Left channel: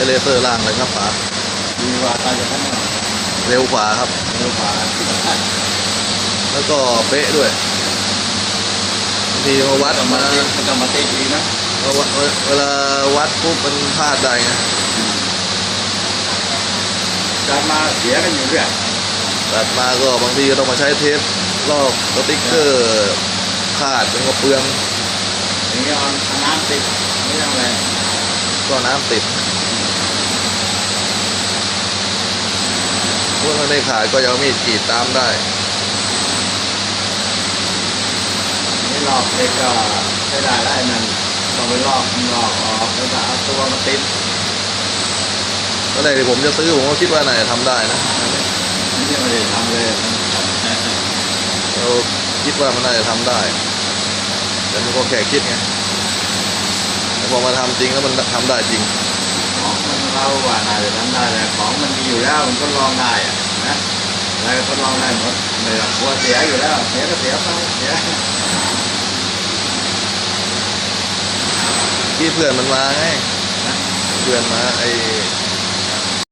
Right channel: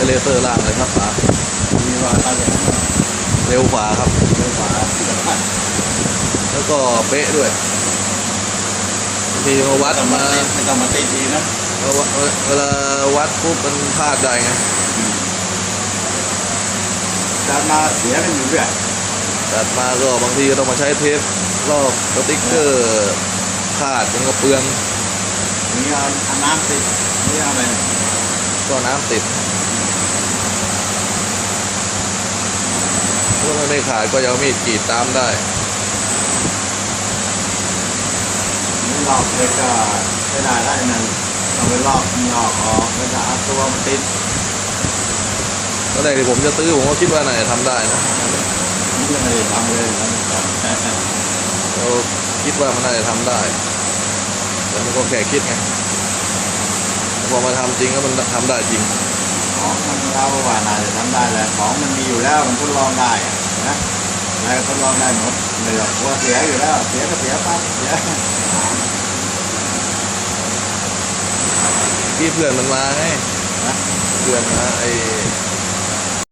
ช้เลเซอร์ล่างเลยครับป๋ามีว่าตายอย่างนั้นเนาะเร็วกว่าครับ เร็วกว่าแล้วก็เป๊ะด้วยบางทีมาวัดมามันจะมาติดดีนะมาวัดเวลาวัดปุ๊บมันพลาดได้ไงการมาเสียกันอยู่เรื่อยตัดมาก็บางทีก็ต้องมาใช้เทปลอกสติ๊กเกอร์ขาดมันก็เปลืองอย่างนี้เอาน้ำติดไม่ต้องอะไรก็น้ำติดเมื่อมัน ไม่ขาดก็จะเอามีดกรีดตามได้ไม่ลอกเล็กก็ไม่ได้ได้มันต้องไปลอกลอกออกแล้วก็เอาตัวมันติดตอนแรกที่ผมจะซื้อผมก็คิดว่าน่าจะทำได้นะนี่ไม่ได้ทำเลยเราคิดว่ามันน่าจะทำได้ แต่มันก็แค่คิดไงแต่พอมาทำจริงแล้วมันทำได้จริงของมันเราว่าน่าจะทำได้แหละของมันมีอยู่แล้วมันทดลองได้ อะนะอะไรก็ทดลองได้หมดเหนือกลัวเสียอยู่แล้ว เสียก็เสียไปเสียที่เพื่อนมันมาไงเพื่อนมาไอ